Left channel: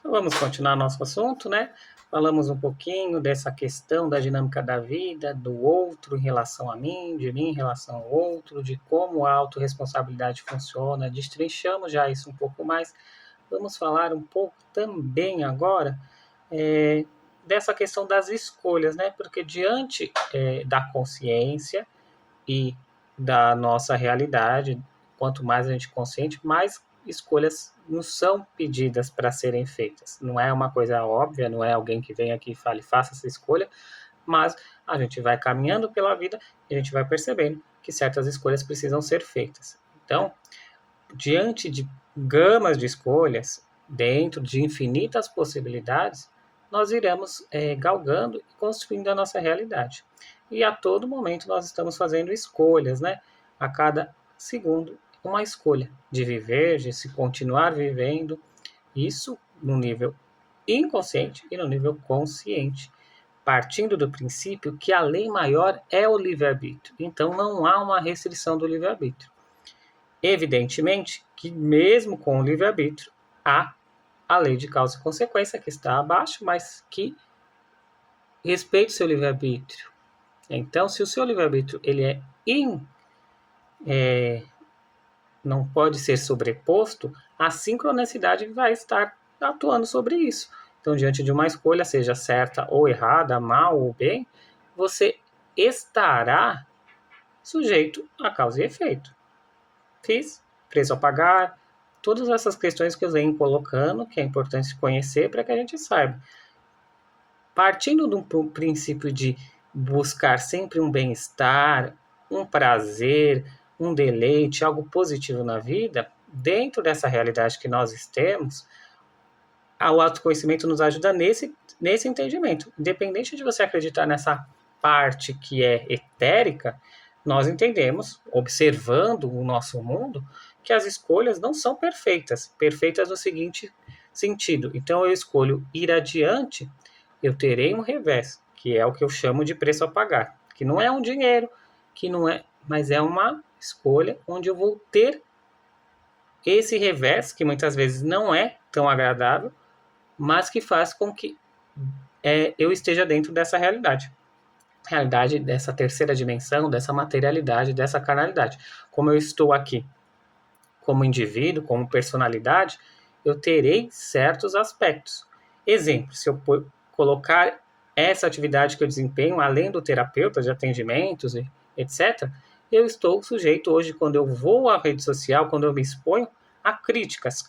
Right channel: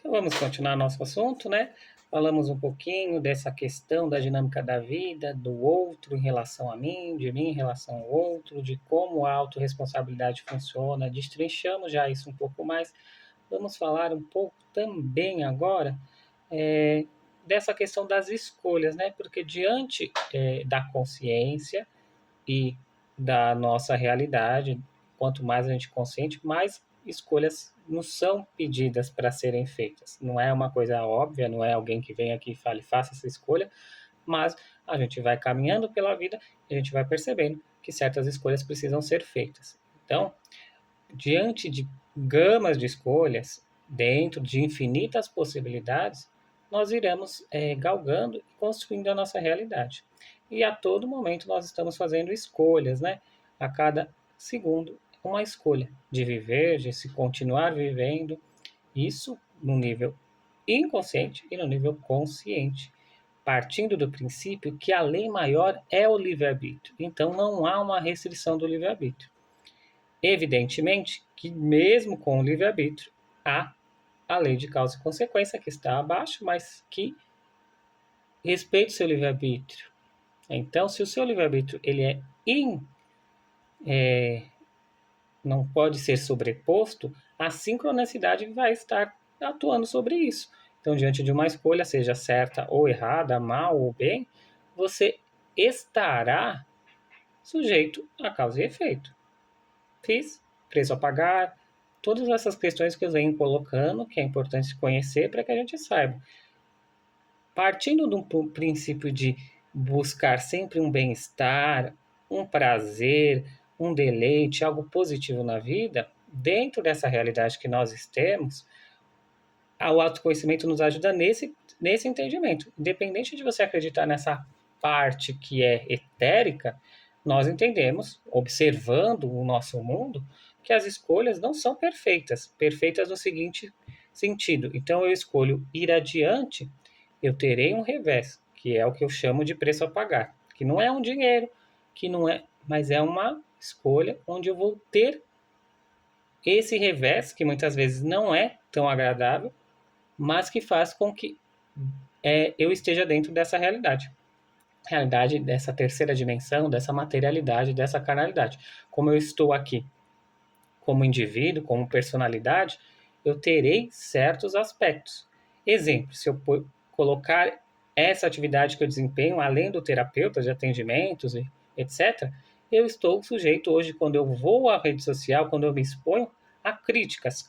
Então vamos continuar nosso assunto, né? Falamos um pouquinho dessa questão da dinâmica da vida, do outro em relação a mim, de mim em relação ao outro, de como a autorresponsabilidade funciona. Destrinchamos já isso um pouco mais. Vamos falar um pouco também agora é, dessa questão das escolhas, né? Porque diante da consciência e da nossa realidade, quanto mais a gente é consciente, mais escolhas nos são pedidas para serem feitas. Não é uma coisa óbvia, não é alguém que vem aqui e fale, faça essa escolha, mas a gente vai caminhando pela vida e a gente vai percebendo que certas escolhas precisam ser feitas. Então, diante de gamas de escolhas, dentro de infinitas possibilidades, nós iremos galgando e construindo a nossa realidade. E a todo momento nós estamos fazendo escolhas, né? A cada segundo, uma escolha de viver, de se continuar vivendo, isso no nível inconsciente e no nível consciente, partindo do princípio que a lei maior é o livre-arbítrio. Então não há uma restrição do livre-arbítrio. Evidentemente que, mesmo com o livre-arbítrio, há a lei de causa e consequência que está abaixo, mas que respeita o seu livre-arbítrio. Então, se o seu livre-arbítrio ele não pode ser sobreposto, a sincronicidade vai estar atuando sobre isso. Então, diante de uma escolha, seja certa ou errada, mal ou bem, você estará sujeito a causa e efeito. Fiz, preço a pagar, todas essas questões que eu venho colocando, que é importante conhecer para que a gente saiba. Partindo do princípio de buscar sempre um bem-estar, um prazer, um deleite, algo positivo na vida, dentro dessa realidade que nós temos, o autoconhecimento nos ajuda nesse entendimento. Independente de você acreditar nessa parte que é etérica, nós entendemos, observando o nosso mundo, que as escolhas não são perfeitas. Perfeitas no seguinte sentido. Então, eu escolho ir adiante, eu terei um revés, que é o que eu chamo de preço a pagar. Que não é um dinheiro, que não é, mas é uma escolha onde eu vou ter esse revés, que muitas vezes não é tão agradável, mas que faz com que eu esteja dentro dessa realidade dessa terceira dimensão, dessa materialidade, dessa carnalidade. Como eu estou aqui como indivíduo, como personalidade, eu terei certos aspectos. Exemplo, se eu colocar essa atividade que eu desempenho, além do terapeuta de atendimentos, etc., eu estou sujeito hoje, quando eu vou à rede social, quando eu me exponho, a críticas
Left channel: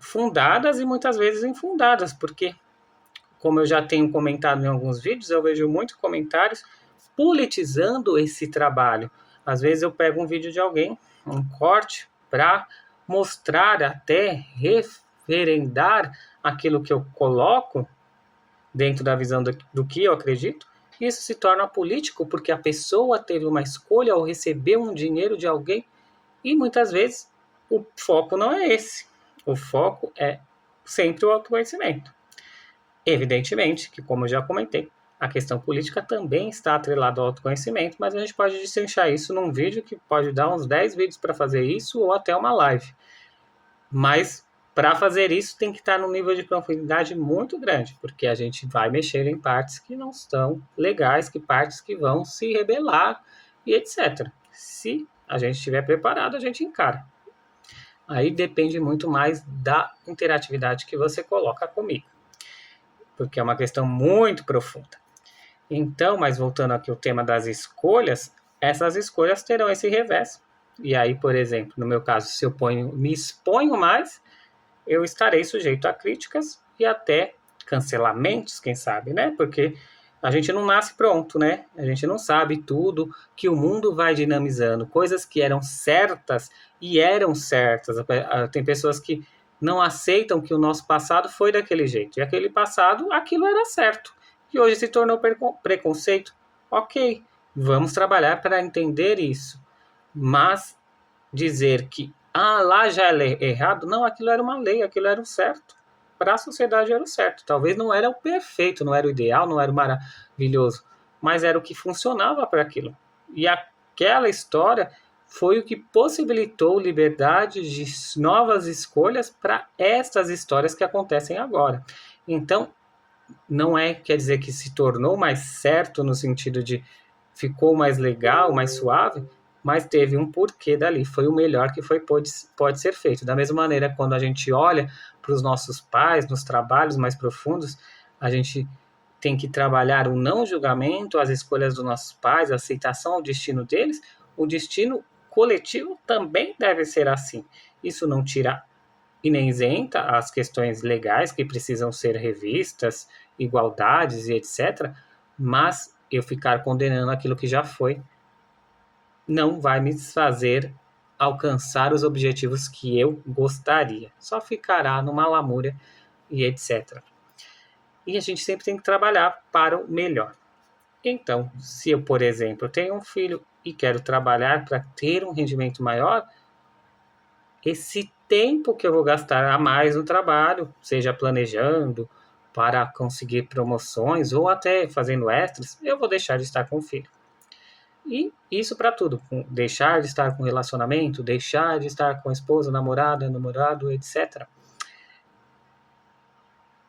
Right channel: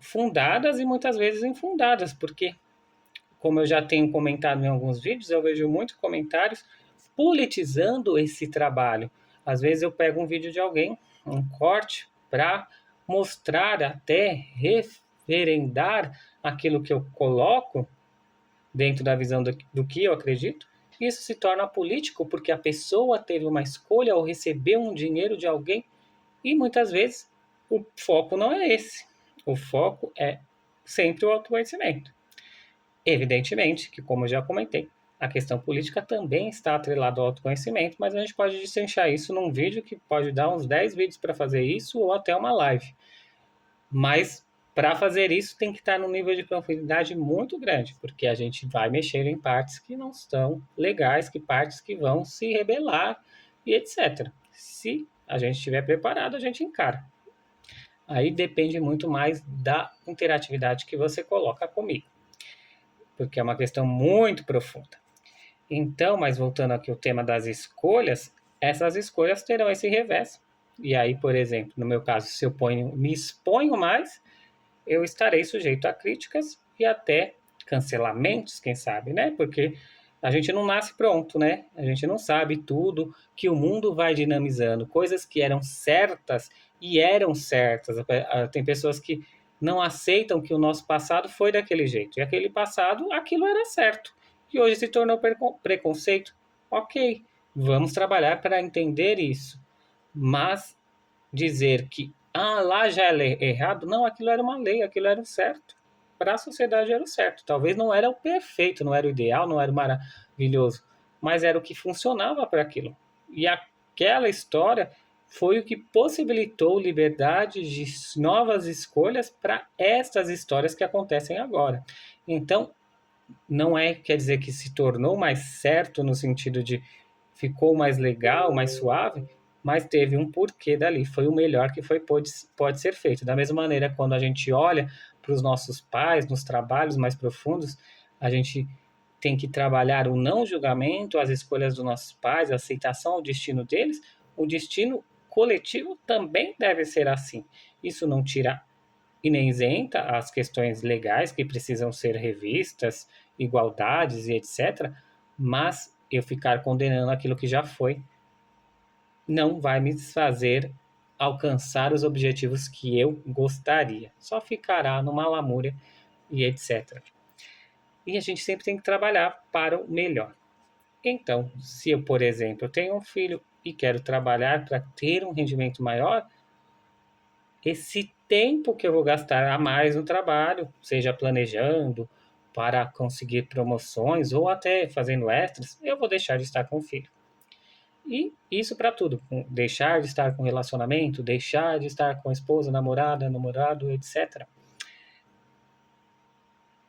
fundadas e muitas vezes infundadas, porque, como eu já tenho comentado em alguns vídeos, eu vejo muitos comentários politizando esse trabalho. Às vezes eu pego um vídeo de alguém, um corte, para mostrar, até referendar aquilo que eu coloco dentro da visão do que eu acredito. Isso se torna político porque a pessoa teve uma escolha ou recebeu um dinheiro de alguém e muitas vezes o foco não é esse. O foco é sempre o autoconhecimento. Evidentemente que, como eu já comentei, a questão política também está atrelada ao autoconhecimento, mas a gente pode destrinchar isso num vídeo que pode dar uns 10 vídeos para fazer isso ou até uma live. Mas para fazer isso tem que estar num nível de profundidade muito grande, porque a gente vai mexer em partes que não estão legais, que partes que vão se rebelar e etc. Se a gente estiver preparado, a gente encara. Aí depende muito mais da interatividade que você coloca comigo, porque é uma questão muito profunda. Então, mas voltando aqui ao tema das escolhas, essas escolhas terão esse revés. E aí, por exemplo, no meu caso, se eu me exponho mais, eu estarei sujeito a críticas e até cancelamentos, quem sabe, né? Porque a gente não nasce pronto, né? A gente não sabe tudo que o mundo vai dinamizando. Coisas que eram certas e eram certas. Tem pessoas que não aceitam que o nosso passado foi daquele jeito. E aquele passado, aquilo era certo. E hoje se tornou preconceito. Ok, vamos trabalhar para entender isso. Mas dizer que lá já é errado, não, aquilo era uma lei, aquilo era o certo. Para a sociedade era o certo. Talvez não era o perfeito, não era o ideal, não era o maravilhoso, mas era o que funcionava para aquilo. E aquela história foi o que possibilitou liberdade de novas escolhas para estas histórias que acontecem agora. Então, não quer dizer que se tornou mais certo no sentido de ficou mais legal, mais suave, mas teve um porquê dali, foi o melhor que pode ser feito. Da mesma maneira, quando a gente olha para os nossos pais, nos trabalhos mais profundos, a gente tem que trabalhar o não julgamento, as escolhas dos nossos pais, a aceitação ao destino deles. O destino coletivo também deve ser assim. Isso não tira e nem isenta as questões legais que precisam ser revistas, igualdades e etc., mas eu ficar condenando aquilo que já foi não vai me fazer alcançar os objetivos que eu gostaria. Só ficará numa lamúria e etc. E a gente sempre tem que trabalhar para o melhor. Então, se eu, por exemplo, tenho um filho e quero trabalhar para ter um rendimento maior, esse tempo que eu vou gastar a mais no trabalho, seja planejando para conseguir promoções ou até fazendo extras, eu vou deixar de estar com o filho. E isso para tudo, deixar de estar com relacionamento, deixar de estar com a esposa, namorada, namorado, etc.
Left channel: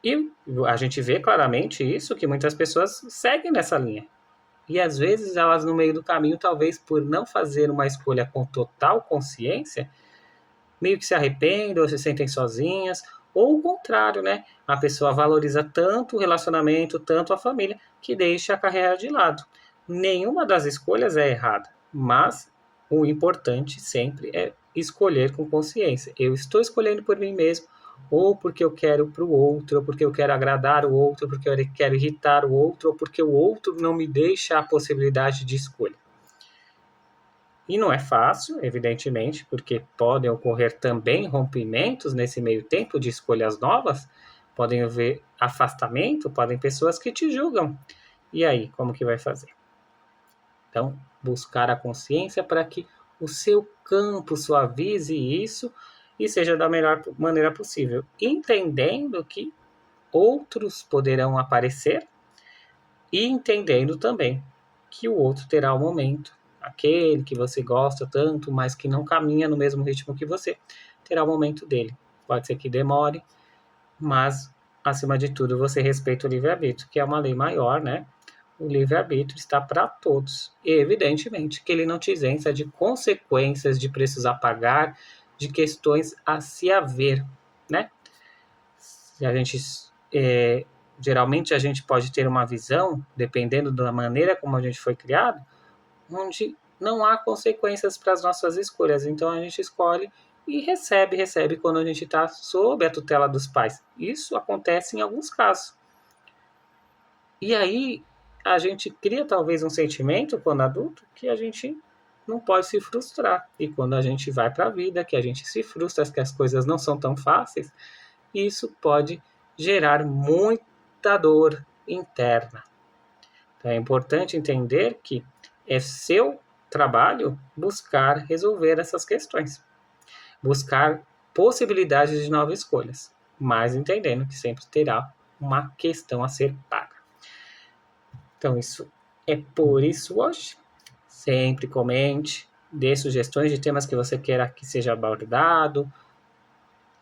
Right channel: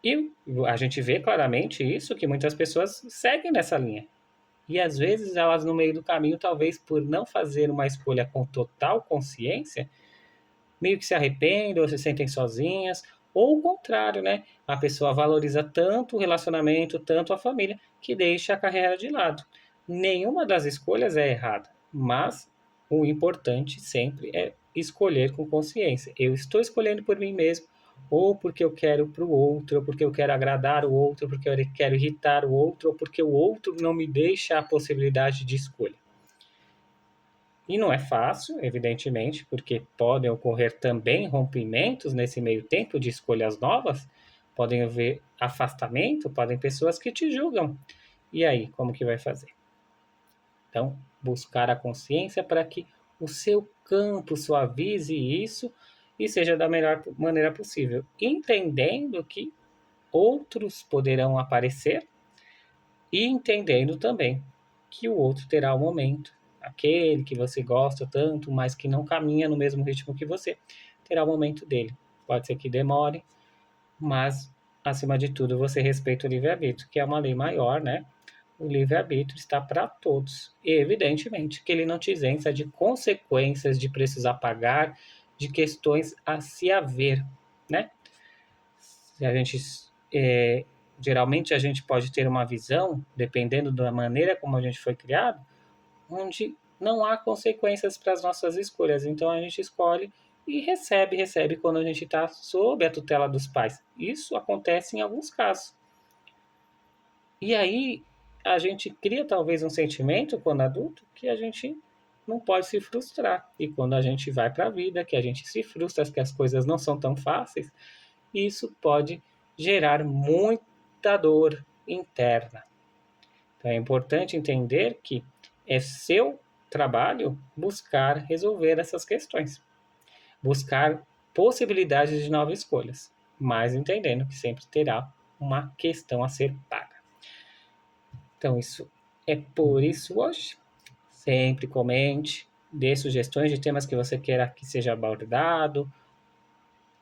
E a gente vê claramente isso, que muitas pessoas seguem nessa linha. E às vezes elas no meio do caminho, talvez por não fazer uma escolha com total consciência, meio que se arrependem ou se sentem sozinhas, ou o contrário, né? A pessoa valoriza tanto o relacionamento, tanto a família, que deixa a carreira de lado. Nenhuma das escolhas é errada, mas o importante sempre é escolher com consciência. Eu estou escolhendo por mim mesmo, ou porque eu quero para o outro, ou porque eu quero agradar o outro, ou porque eu quero irritar o outro, ou porque o outro não me deixa a possibilidade de escolha. E não é fácil, evidentemente, porque podem ocorrer também rompimentos nesse meio tempo de escolhas novas, podem haver afastamento, podem pessoas que te julgam. E aí, como que vai fazer? Então, buscar a consciência para que o seu campo suavize isso e seja da melhor maneira possível, entendendo que outros poderão aparecer e entendendo também que o outro terá um momento, aquele que você gosta tanto, mas que não caminha no mesmo ritmo que você, terá o momento dele. Pode ser que demore, mas acima de tudo você respeita o livre-arbítrio, que é uma lei maior, né? O livre-arbítrio está para todos. E evidentemente que ele não te isenta de consequências, de preços a pagar, de questões a se haver, né? Se a gente geralmente a gente pode ter uma visão, dependendo da maneira como a gente foi criado, onde não há consequências para as nossas escolhas. Então a gente escolhe e recebe quando a gente está sob a tutela dos pais. Isso acontece em alguns casos. E aí a gente cria talvez um sentimento quando adulto que a gente não pode se frustrar. E quando a gente vai para a vida, que a gente se frustra, que as coisas não são tão fáceis, isso pode gerar muita dor interna. Então é importante entender que é seu trabalho buscar resolver essas questões, buscar possibilidades de novas escolhas, mas entendendo que sempre terá uma questão a ser paga. Então isso é por isso hoje. Sempre comente, dê sugestões de temas que você queira que seja abordado,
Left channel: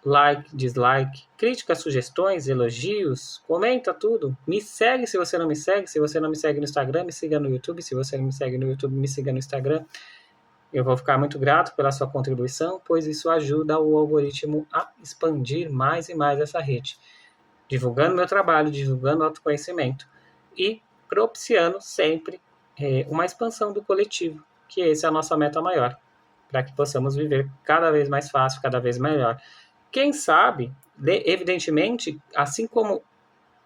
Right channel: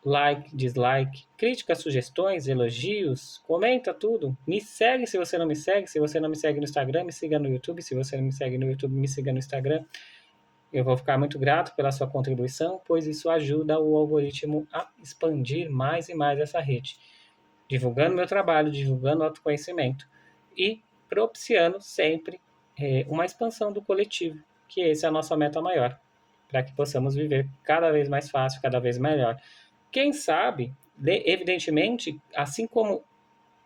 like, dislike, críticas, sugestões, elogios, comenta tudo. Me segue se você não me segue. Se você não me segue no Instagram, me siga no YouTube. Se você não me segue no YouTube, me siga no Instagram. Eu vou ficar muito grato pela sua contribuição, pois isso ajuda o algoritmo a expandir mais e mais essa rede, divulgando meu trabalho, divulgando autoconhecimento e propiciando sempre uma expansão do coletivo, que essa é a nossa meta maior, para que possamos viver cada vez mais fácil, cada vez melhor. Quem sabe, evidentemente, assim como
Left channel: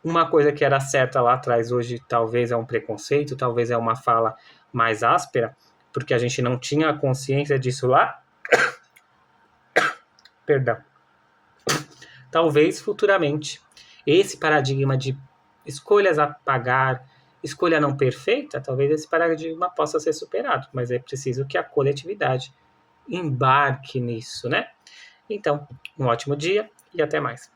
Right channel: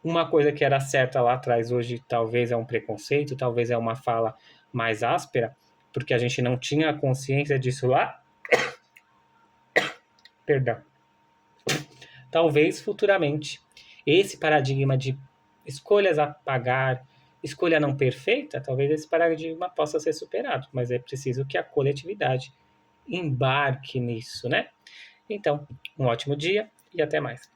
uma coisa que era certa lá atrás, hoje talvez é um preconceito, talvez é uma fala mais áspera, porque a gente não tinha consciência disso lá. Perdão. Talvez futuramente esse paradigma de escolhas a pagar, escolha não perfeita, talvez esse paradigma possa ser superado, mas é preciso que a coletividade embarque nisso, né? Então, um ótimo dia e até mais.